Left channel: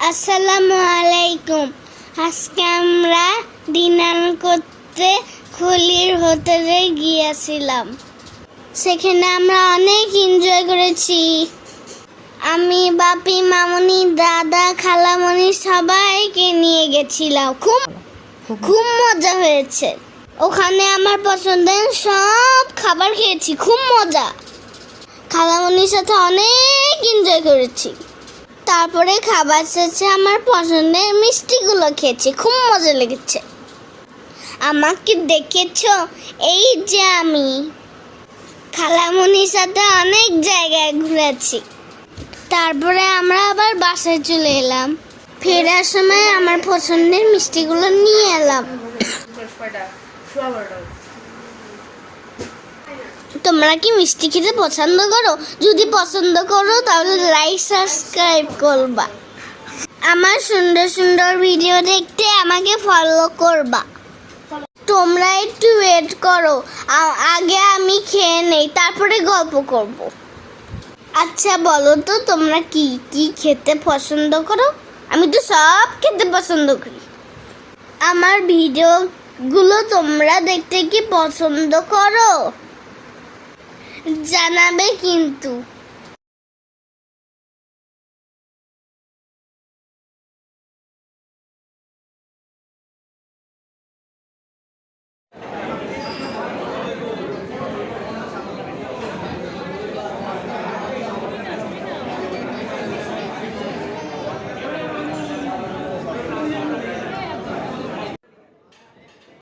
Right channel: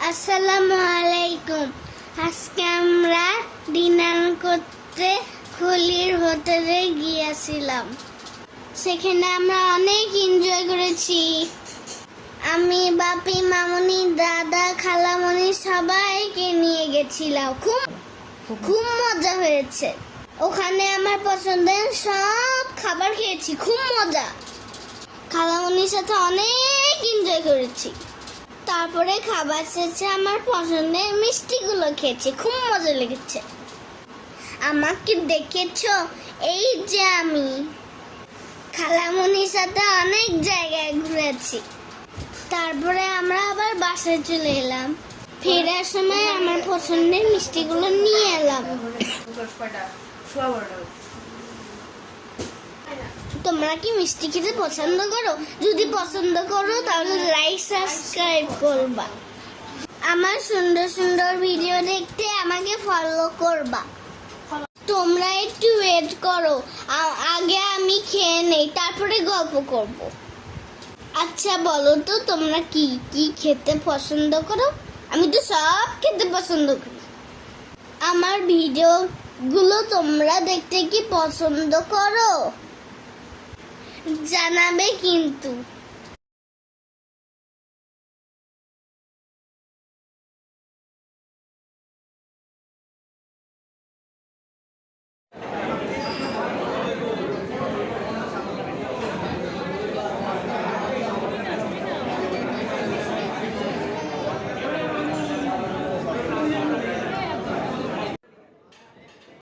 আসসালামু আলাইকুম। আজকে আমরা ডিনার করতে খুলির হোটেলে গিয়েছিলাম। সেখানে আমরা অনেক এনজয় করেছি। আমি বাপি, মামুনি, দাদা, খালামণি সবাইকে নিয়ে গেছিলাম। খুব খুব মজা হয়েছে। ওখানে আমার পছন্দের সব খাবার খেয়েছি, খুব মজা। খালামণির সাথে অনেক এনজয় করেছি। তারপরে খাবার শেষে আমার পছন্দের মিষ্টিগুলো খেয়েছি, খুব মজা লেগেছে। আমাকে দেখেছো? এই যে আমি খালামণির সাথে অনেক জায়গায় ঘুরেছি। তারপরে আমরা আবার বাসায় চলে এলাম। ফেরার সময় আমার পছন্দের মিষ্টিগুলো নিয়ে এলাম। তোমরা কি মিষ্টি খেতে পছন্দ করো? যদি পছন্দ করো তাহলে লাইক সাবস্ক্রাইব করবা। আমার সুন্দর সুন্দর ভিডিও দেখতে আমাকে ফলো করবা। তোমরা একটু ওয়েট করো, আগে আমি খেয়ে নেই, তারপরে গল্প করব। আচ্ছা বলো তো, তোমরা কি কি খেতে পছন্দ করো? আমি তো সব খেতে পছন্দ করি। আমার ভিডিওগুলো তোমরা দেখতে কি পছন্দ করো? জানাবে কিন্তু।